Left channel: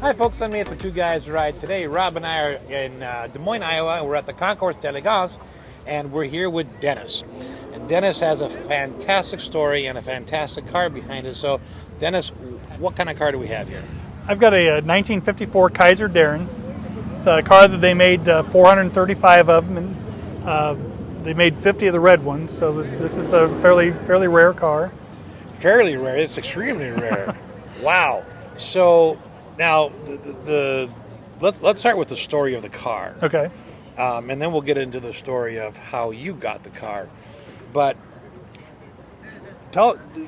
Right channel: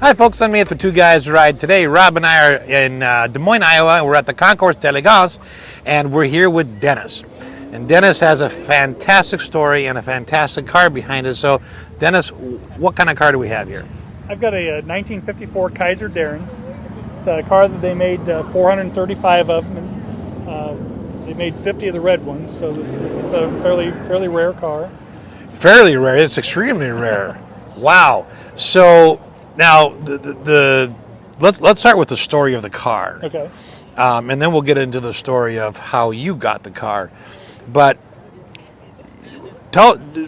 Hi folks, I'm at the Two Guys Ride today. Rob and I are in Des Moines, Iowa. We're at the Concours d'Elegance, and we're here with Dennis. And Dennis has a fantastic story and a fantastic car behind it. So, Dennis, what kind of car do we have here? I've got a 1954 Kaiser Darrin. It's a car that they made 435 of them, and they made 50 of the red ones. So this is a fairly rare car. Fairly rare. It's extremely rare. Wow. So now let's start with the story of the car. Okay. And then we'll get into the story of how you got the car. But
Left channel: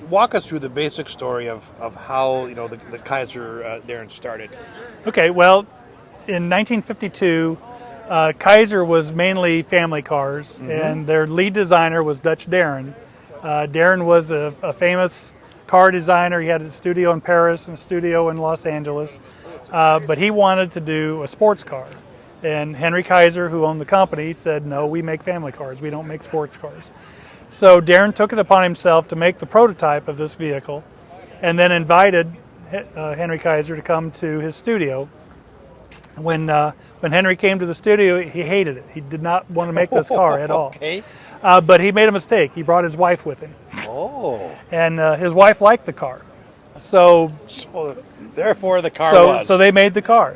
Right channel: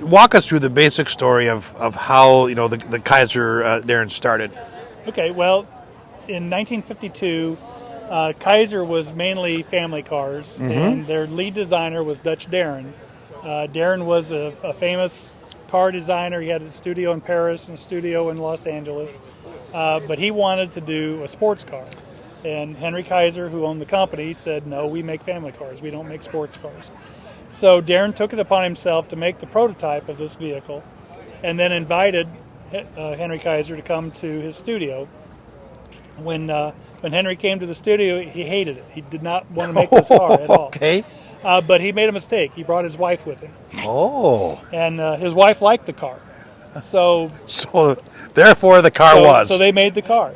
walk us through the basic story of how the Kaiser Darrin started. Okay. Well, in 1952, Kaiser was mainly family cars, and their lead designer was Dutch Darrin. Darrin was a famous car designer. He had a studio in Paris and a studio in Los Angeles, but he wanted to do a sports car. And Henry Kaiser, who owned the company, said, no, we make family cars. We don't make sports cars. So Darrin took it upon himself to make the prototype of this vehicle, and then invited Henry Kaiser to come to his studio. When Henry came to the studio, he hated it. He did not want to make this car at all. Okay. But he made a mistake. He brought his wife with him. Oh. And his wife liked the car. So therefore the car was. So they made the car.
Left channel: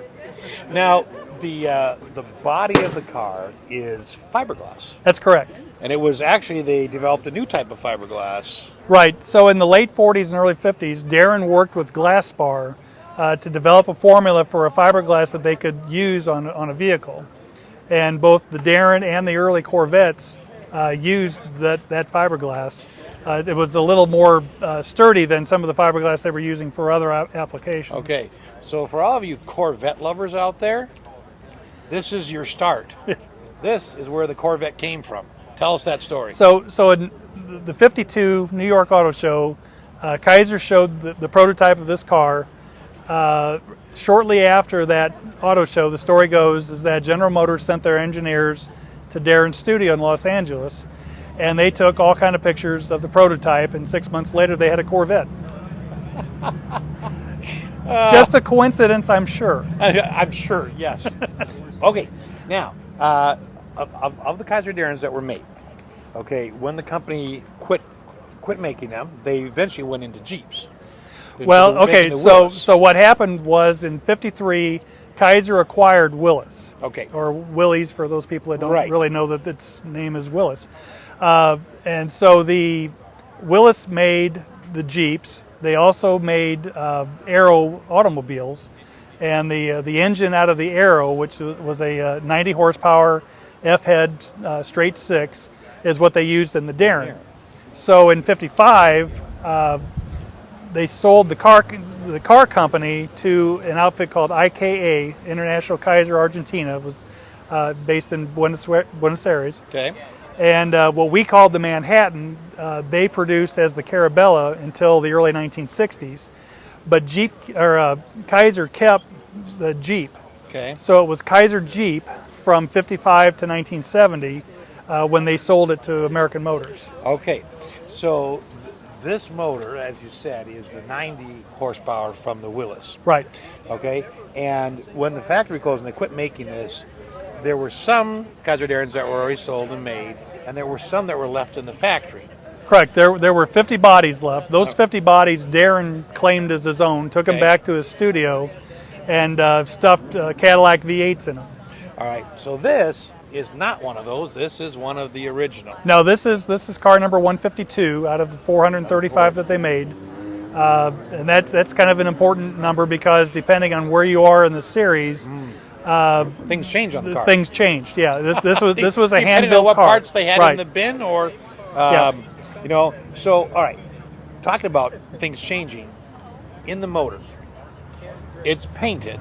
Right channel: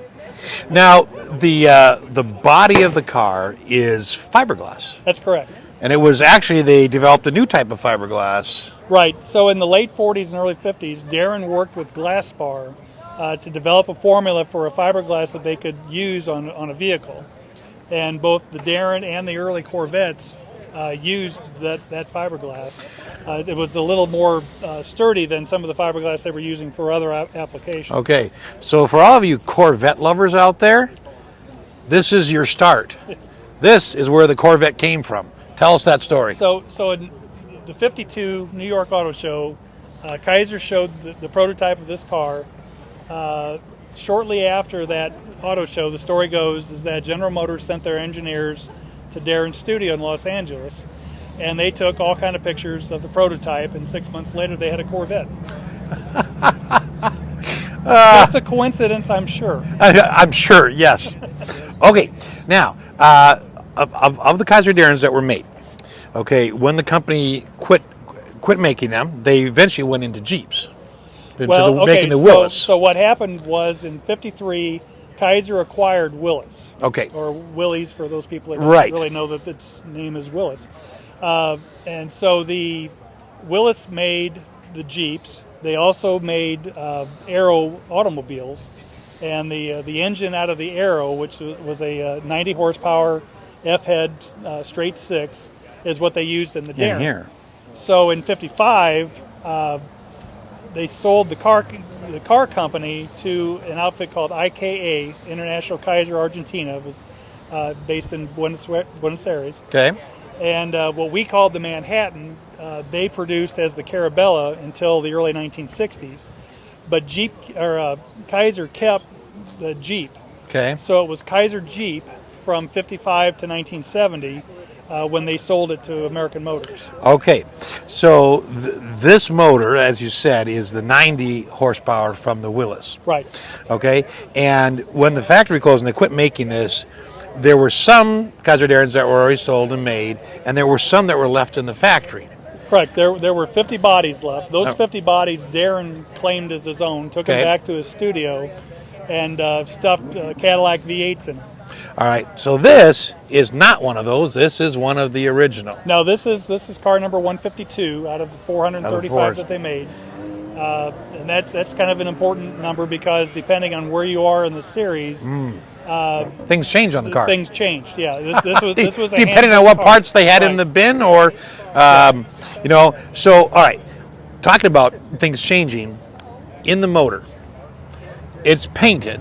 Now, the body of the car is fiberglass. That's correct. And it was actually, they developed a new type of fiberglass. Right. So in the late 40s and early 50s, Darrin worked with Glasspar to develop a formula for a fiberglass that they could use on a vehicle. And both the Darrin and the early Corvettes used that fiberglass. It was a little more sturdy than some of the fiberglass they were using for other applications. Okay, so for all of you Corvette lovers out there, this is your start. This is where the Corvette came from. Tell us that story. So in the 52 New York Auto Show, Kaiser showed the prototype of this car. Shortly after that auto show, the story goes is that General Motors sent their engineers to Darrin's studio in Los Angeles, and they took all kind of pictures of the prototype, and 6 months later they had a Corvette. Just a coincidence, I'm sure. I'm sure, yes. Okay, now, of the Kaiser Darrins that were made, okay, when the company quit making them, they eventually went into Jeeps. So what happened was in '53, Kaiser acquired Willis. Okay. Or Willys for those people that don't really know that its name is Willis. And so the Willis made the Jeeps. They also made Aero automobiles, and the engine out of the Aero, which was a 90 horsepower F-head straight six, is what they used in the Darrin. So in '55. They sold the car company to an outfit called IKA, International Kaiser Argentina. It was based in Buenos Aires. Okay. And what we called the Manhattan, they produced as the Carabella until the early 1960s. But Kaiser kept the Jeep. Okay. So it was Kaiser Jeep from '55 to 1970. When they sold it to American Motors. Okay, so this motor, as you said, is the 90 horsepower from the Willis. Right. Okay, and when the factory closed and they quit making this, there were some Kaiser Darrins that were already sold and made, and there were some that were left in the factory. Correct. There were 50 bodies left. Those 50 bodies Darrin claimed as his own, took them back to his studio, and stuffed Cadillac V8s in them. All right, so this is not one of those. This is one of the original. No, this is car number 152 out of the 435 that they made, and that's kind of an important number because depending on where you are in the series, things change on the car. Things changed. Yeah, this was a depending on what parts they had in the bin, or So all right, talking about things changing in the motor, it's painted.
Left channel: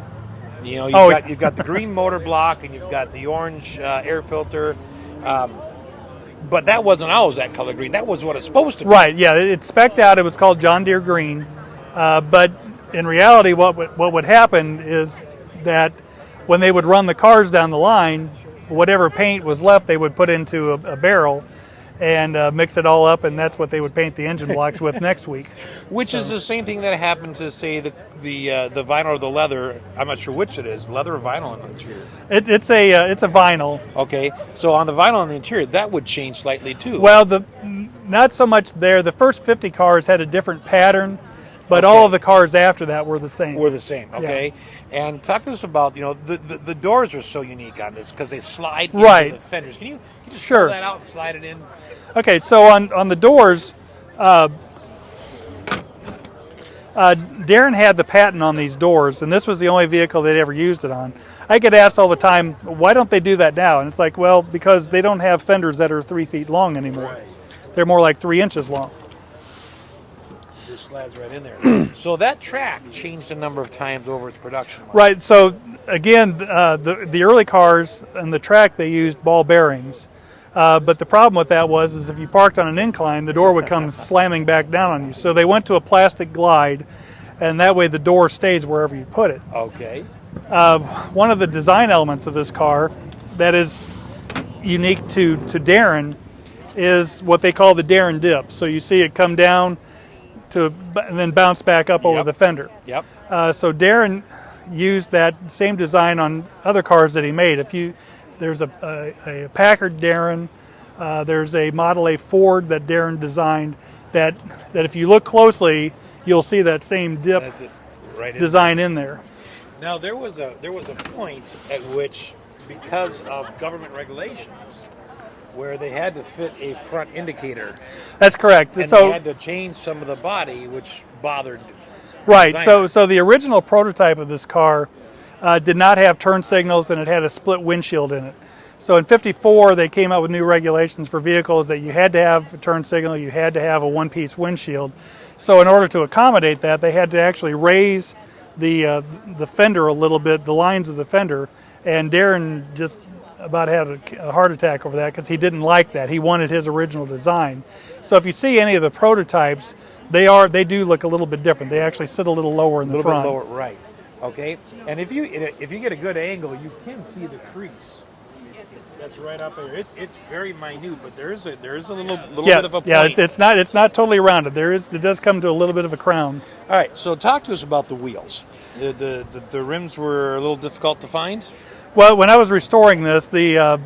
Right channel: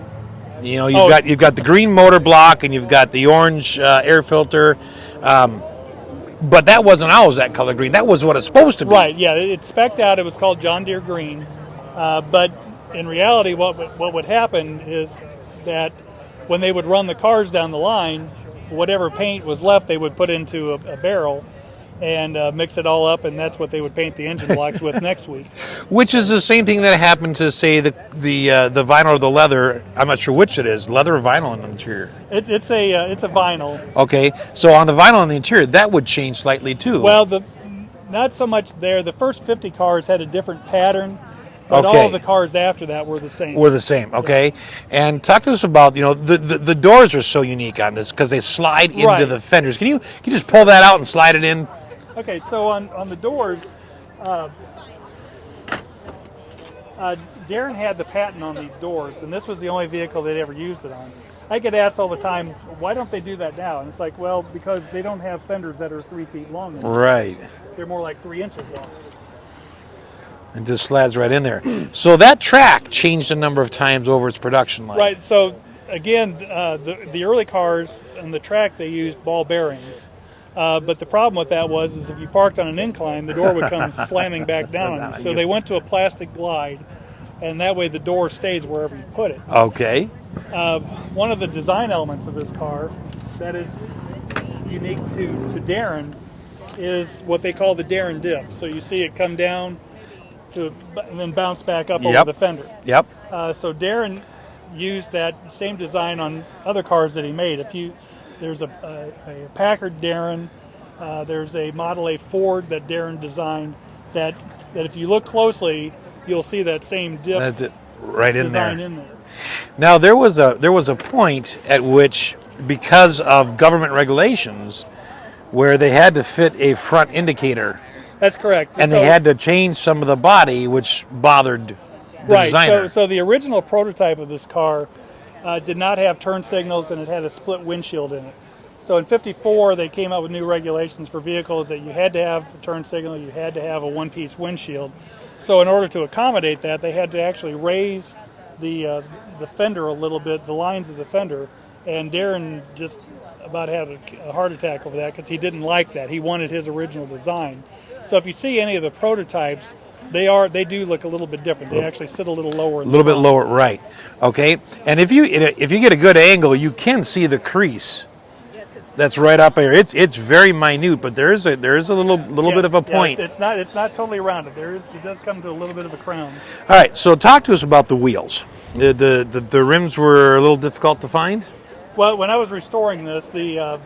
You've got the green motor block and you've got the orange air filter, but that wasn't always that color green. That was what it's supposed to be. Right. Yeah. It's spec'd out. It was called John Deere green, but in reality, what would happen is that when they would run the cars down the line, whatever paint was left, they would put into a barrel, and mix it all up, and that's what they would paint the engine blocks with next week. Which is the same thing that happened to, say, the vinyl or the leather. I'm not sure which it is, leather or vinyl in the interior. It's a vinyl. Okay, so on the vinyl in the interior, that would change slightly too. Well, not so much there. The first 50 cars had a different pattern, but Okay. all of the cars after that were the same. We're the same, okay? Yeah. And talk to us about, the doors are so unique on this because they slide into Right. the fenders. Can you just Sure. pull that out and slide it in? Okay, so on the doors, Darrin had the patent on these doors, and this was the only vehicle they'd ever used it on. I get asked all the time, why don't they do that now? And it's like, well, because they don't have fenders that are 3 feet long anymore. Right. They're more like 3 inches long. It just slides right in there. So that track changed a number of times over its production line. Right, so again, the early cars and the track, they used ball bearings. But the problem with that is if you parked on an incline, the door would come slamming back down on you. So they went to a plastic glide, and that way the door stays wherever you put it. Okay. One of the design elements of this car that is unique to Darrin is what they call the Darrin dip. So you see it come down and then bounce back up over the fender. Yep. So Darrin used that same design on other cars that he made. There's a Packard Darrin, there's a Model A Ford that Darrin designed that if you look closely, you'll see that same dip design in there. Now there was a point at which, because of government regulations, where they had to fit a front indicator. That's correct. And they had to change some of the body, which bothered the designer. So the original prototype of this car did not have turn signals, and it had a split windshield in it. So in '54, they came out with new regulations for vehicles that you had to have a turn signal, you had to have a one-piece windshield. So in order to accommodate that, they had to actually raise the fender a little bit, the lines of the fender, and Darrin just about had a heart attack over that because he didn't like that. He wanted his original design. So if you see any of the prototypes, they do look a little bit different. They actually sit a little lower in the front. A little bit lower, right. Okay. And if you get a good angle, you can see the crease that's right up here. It's very minute, but there is a little bit of a point. It's not totally rounded. It does come to a little bit of a crown. All right, so talk to us about the wheels. The rims were a little difficult to find? Well, when I was restoring this, the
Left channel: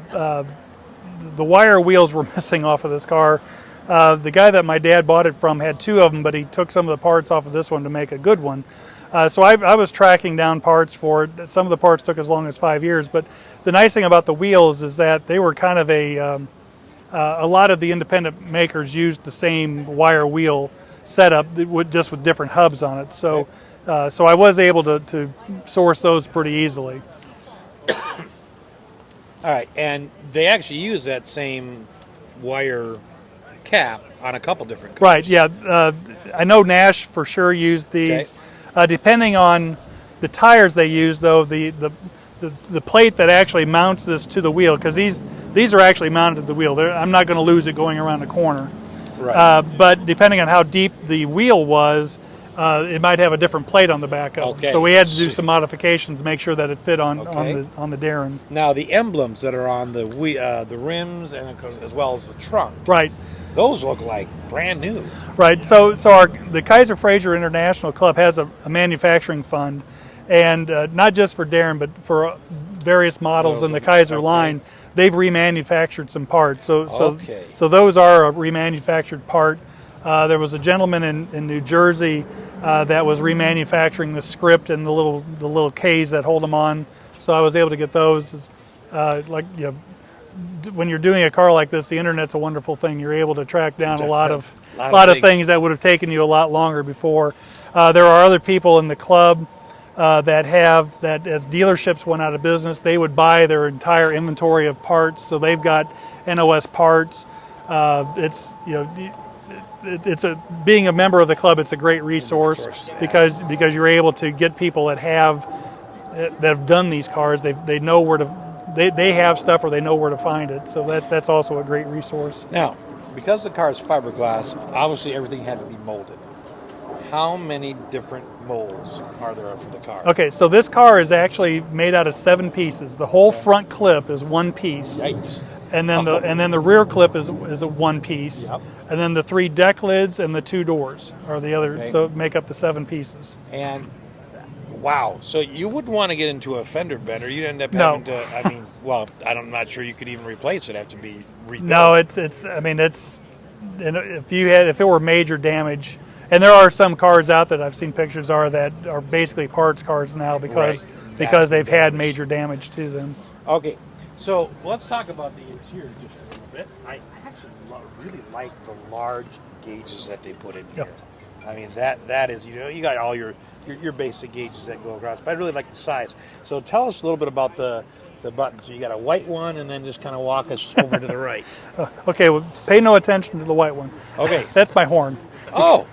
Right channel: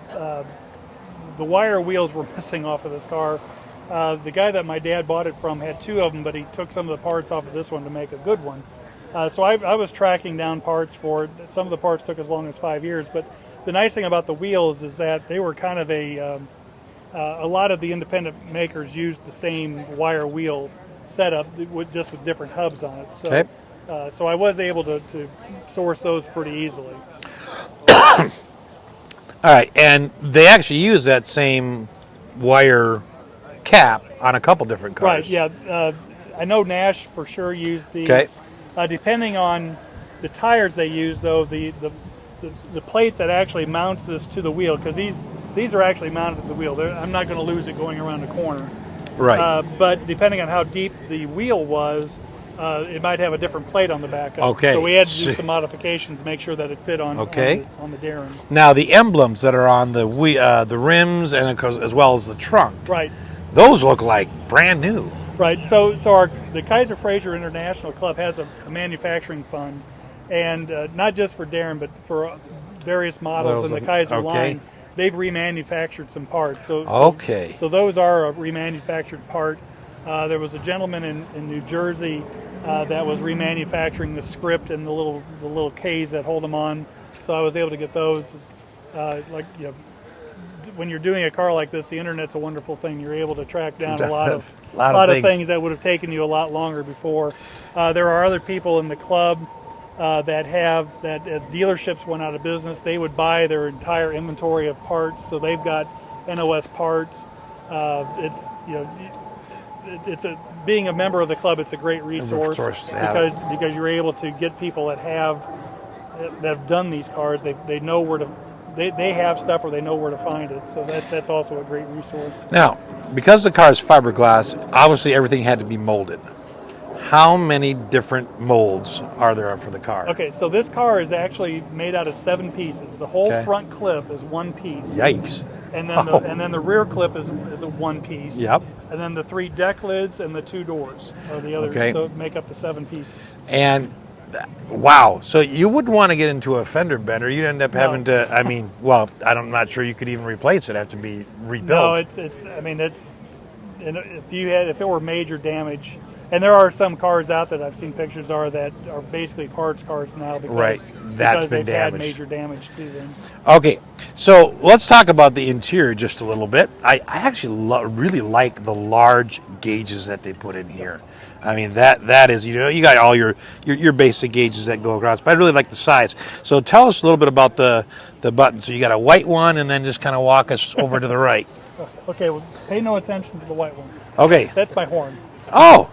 wire wheels were missing off of this car. The guy that my dad bought it from had 2 of them, but he took some of the parts off of this one to make a good one. So I was tracking down parts for it. Some of the parts took as long as 5 years, but the nice thing about the wheels is that they were kind of a lot of the independent makers used the same wire wheel setup, just with different hubs on it. So, okay. So I was able to source those pretty easily. All right, and they actually use that same wire cap on a couple different cars. Right, yeah. I know Nash for sure used these. Okay. Depending on the tires they use, though, the plate that actually mounts this to the wheel, because these are actually mounted to the wheel. I'm not going to lose it going around the corner. Right. But depending on how deep the wheel was, it might have a different plate on the back of it. Okay. So we had to do some modifications to make sure that it fit on the Darrin. Now the emblems that are on the rims and as well as the trunk. Right. Those look like brand new. Right. So the Kaiser Fraser International Club has a manufacturing fund, and not just for Darrin, but for various models in the Kaiser line. They've remanufactured some parts. So those are a remanufactured part. There was a gentleman in New Jersey that was remanufacturing the script and the little K's that hold them on. So I was able to get those. When you're doing a car like this, the internet's a wonderful thing. You're able to track down a lot of things that would have taken you a lot longer before. There are other people in the club that as dealerships went out of business, they would buy their entire inventory of parts. So they've got NOS parts. Being a member of the club, it's a great resource because you're able to get people that have done these cars. They know where to. They have stuff, or they know where to find it. So that's also a great resource. Now, because the car is fiberglass, obviously everything had to be molded. How many different molds are there for the car? Okay, so this car is actually made out of 7 pieces. The whole front clip is one piece. Yikes. and then the rear clip is a one piece. Yep. And then the 3 deck lids and the 2 doors are the other. Okay. So make up the 7 pieces. And wow, so you wouldn't want to get into a fender bender. You'd end up having to. I mean, well, I'm not sure you could even replace it. It'd have to be rebuilt. No, it's. I mean, it's. If it were major damage, and there are some cars out that I've seen pictures that are basically parts cars now because they've had major damage to them. Okay, so let's talk about the interior just a little bit. I actually really like the large gauges that they put in here. I mean, that is, you got all your basic gauges that go across, but I really like the size. So tell us a little bit about the buttons. So you got a white one, and then just kind of walk us over to the right. Okay, well, pay no attention to the white one. Okay. That's my horn. Oh.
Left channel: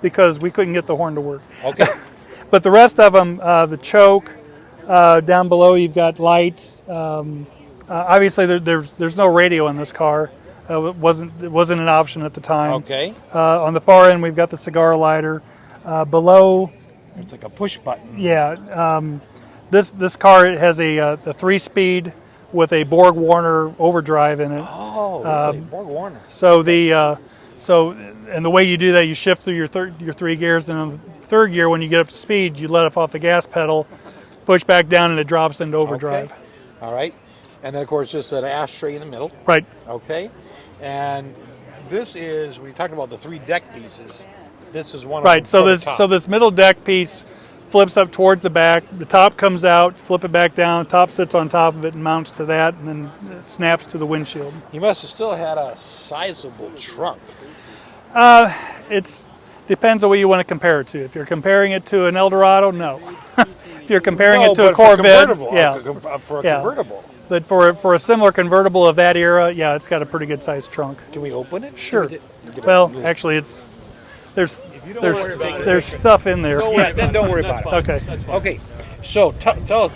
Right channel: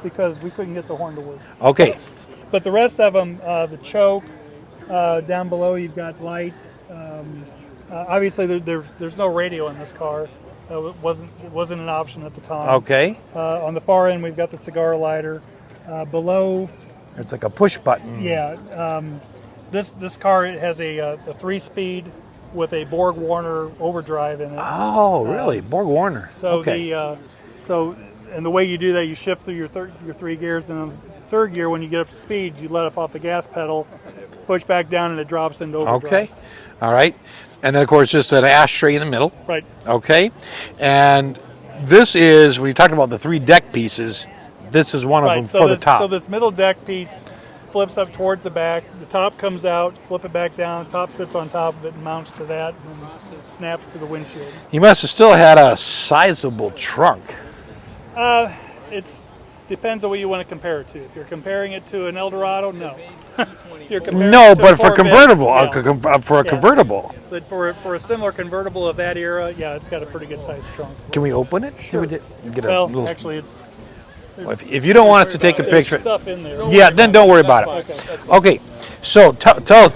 Because we couldn't get the horn to work. Okay. But the rest of them, the choke, down below you've got lights. Obviously, there's no radio in this car. It wasn't an option at the time. Okay. On the far end, we've got the cigar lighter. Below, it's like a push button. Yeah. This car has a 3-speed with a Borg Warner overdrive in it. Oh, really? Borg Warner. So okay. And the way you do that, you shift through your 3 gears, and in the 3rd gear, when you get up to speed, you let off the gas pedal, push back down, and it drops into overdrive. Okay. All right. And then, of course, just an ashtray in the middle. Right. Okay. And this is, we talked about the 3 deck pieces. This is one of them for the top. So this middle deck piece flips up towards the back. The top comes out, flip it back down. Top sits on top of it and mounts to that, and then it snaps to the windshield. You must have still had a sizable trunk. It depends on what you want to compare it to. If you're comparing it to an Eldorado, no. If you're comparing it to a Corvette, for a convertible. But for a similar convertible of that era, yeah, it's got a pretty good sized trunk. Can we open it? Sure. Actually, there's. If you don't want us to take a there's picture, stuff in there. Yeah, then don't worry about it. Okay. Okay. So tell us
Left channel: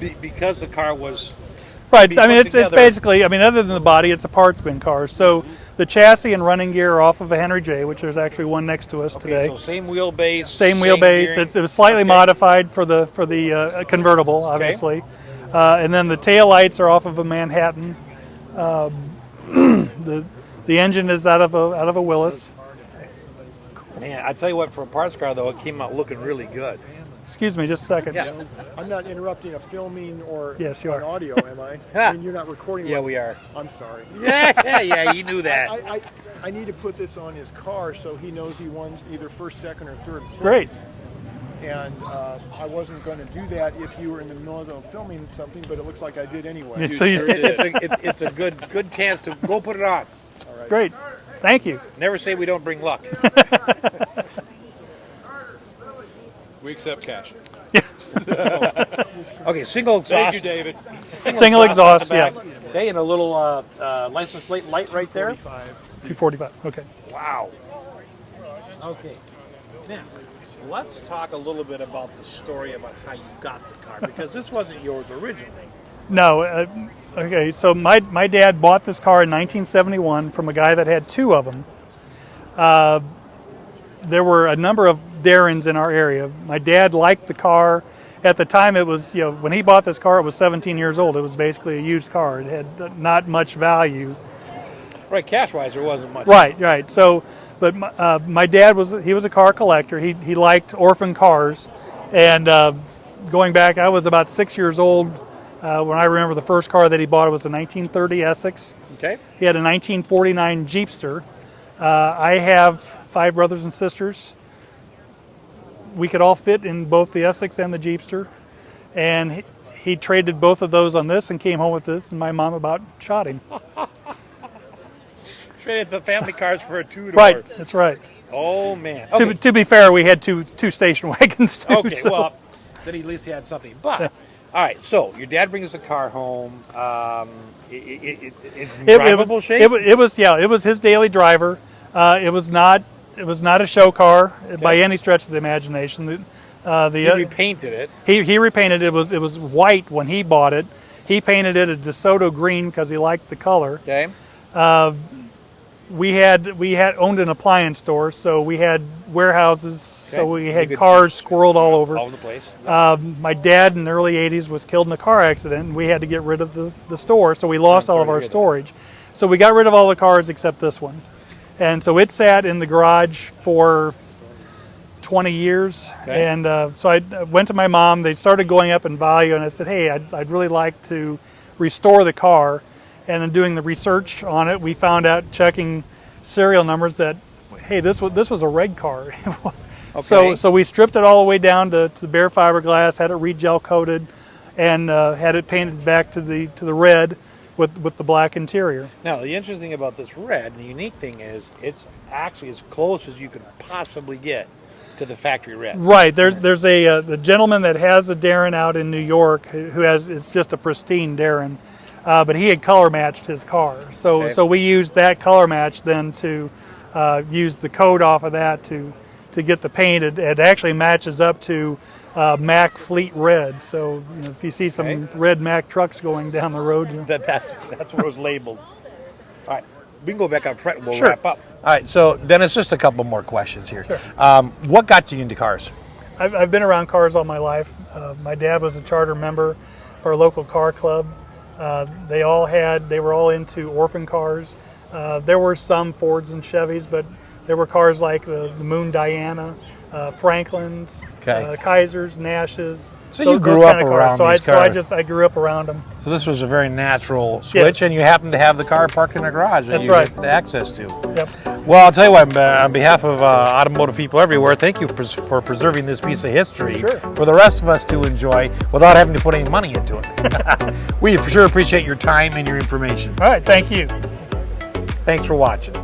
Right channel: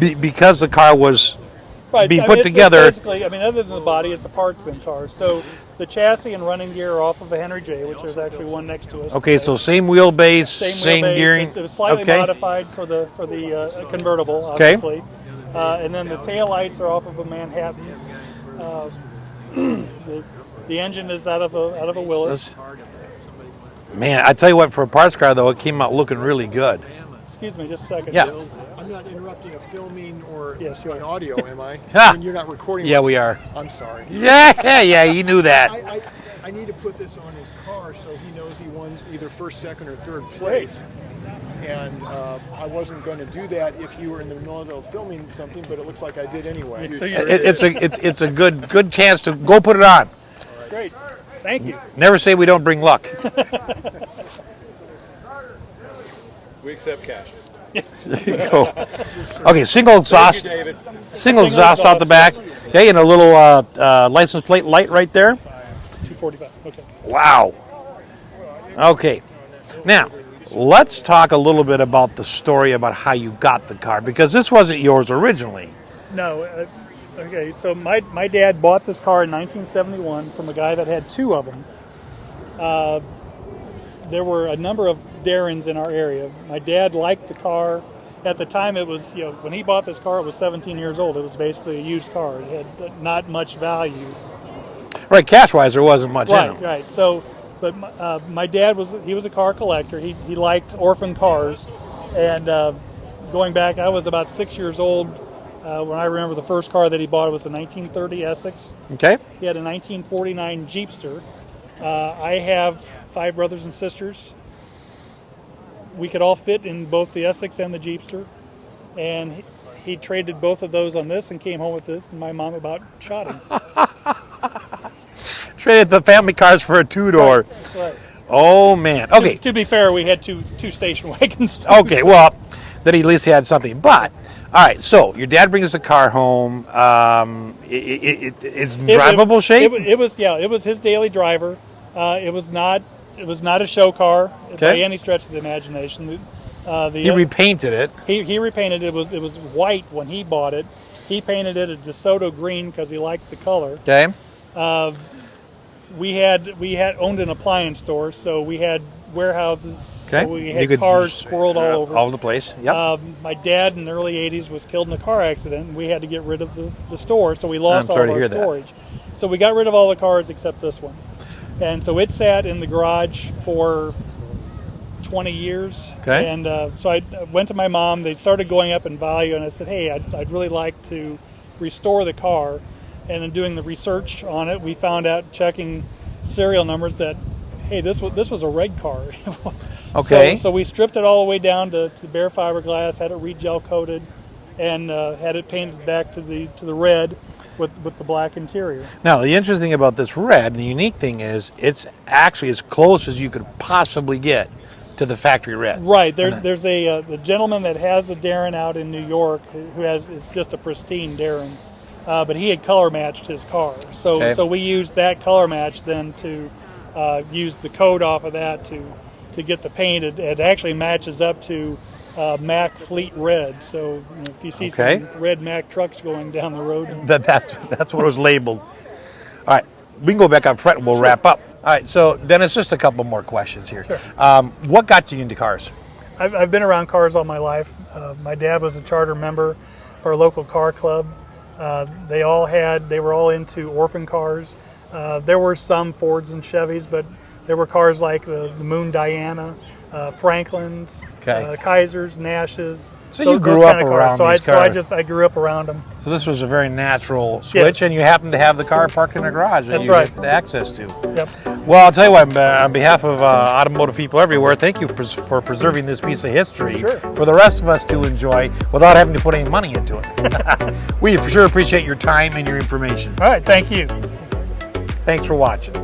because the car was being put together. It's basically, other than the body, it's a parts bin car. So the chassis and running gear are off of a Henry J, which there's actually one next to us. Okay, today. so same wheelbase, same wheelbase. gearing. It was slightly modified for the convertible, obviously. Okay. And then the tail lights are off of a Manhattan. The engine is out of a Willis. Man, I tell you what, for a parts car though, it came out looking really good. Excuse me, just a second. Yeah. I'm not interrupting a filming or Yes, you an are. audio, am I? Ha. And you're not recording. Yeah, we are. I'm sorry. Yeah, you knew that. I need to put this on his car so he knows he won either first, second, or third Great. place. And I wasn't going to do that if you were in the middle of filming something, but it looks like I did anyway. So It's a good chance to go put it on. Great. Thank you. Never say we don't bring luck. We accept cash. Okay, single exhaust. Single exhaust out the back. Okay, and a little license plate light right there. 245. Okay. Wow. Okay. Now, let's talk a little bit about the story about how you got the car, because this wasn't yours originally. No. Okay, so my dad bought this car in 1971 from a guy that had 2 of them. There were a number of Darrins in our area. My dad liked the car. At the time, it was, when he bought this car, it was 17 years old. It was basically a used car. It had not much value. Right, cash-wise, there wasn't much. Right. So, but my dad was a car collector. He liked orphan cars, and going back, I was about 6 years old when I remember the first car that he bought. It was a 1930 Essex. Okay. He had a 1949 Jeepster. I have 5 brothers and sisters. We could all fit in both the Essex and the Jeepster, and he traded both of those on this and came home with this, and my mom about shot him. Traded the family cars for a 2-door. Right, that's right. Oh man. Okay. To be fair, we had two station wagons too. Okay. So. Well, then he at least had something. But all right. So your dad brings the car home. It's drivable shape. It was his daily driver. It was not a show car by any stretch of the imagination. He repainted it. He repainted it. It was white when he bought it. He painted it a DeSoto green because he liked the color. Okay. We had owned an appliance store, so we had warehouses So we You had could cars just- squirreled all over. All over the place. Yep. My dad in the early 80s was killed in a car accident, and we had to get rid of the store, so we lost I'm all sorry of to our hear that. storage. So we got rid of all the cars except this one. And so it sat in the garage for 20 years. Okay. And so I went to my mom. They started going up in value, and I said, hey, I'd really like to restore the car. And in doing the research on it, we found out, checking serial numbers, that, hey, this was a red car. Okay. So we stripped it all the way down to the bare fiberglass, had it re-gel coated, and had it painted back to the red with the black interior. Now, the interesting thing about this red, the unique thing is, it's actually as close as you could possibly get to the factory red. Right. There's the gentleman that has a Darrin out in New York who has, it's just a pristine Darrin, but he had color matched his car. So Okay. so we used that color match then to use the coat off of that to get the paint. It actually matches up to Mack Fleet Red. So if you see Okay. some red Mack trucks going down the road, That's what it was labeled. All right, we can go back up front and we'll Sure. wrap up. All right, so Dennis, just a couple more questions here. Sure. What got you into cars? I've been around cars all my life. My dad was a charter member for a local car club. They were all into orphan cars. There were some Fords and Chevys, but there were cars like the Moon Diana, Franklin's, Okay. Kaisers, Nashes. So you those grew up kind of around cars. these So I cars. I grew up around them. So this was a very natural switch, Yes. and you happened to have the car parked in a garage that That's you right. had access to. Yep. Well, I'll tell you what, on behalf of automotive people everywhere, thank you for preserving this piece of history Sure. for the rest of us to enjoy without having to put any money into it. We for sure appreciate your time and your information. All right. Thank you. Thanks for watching.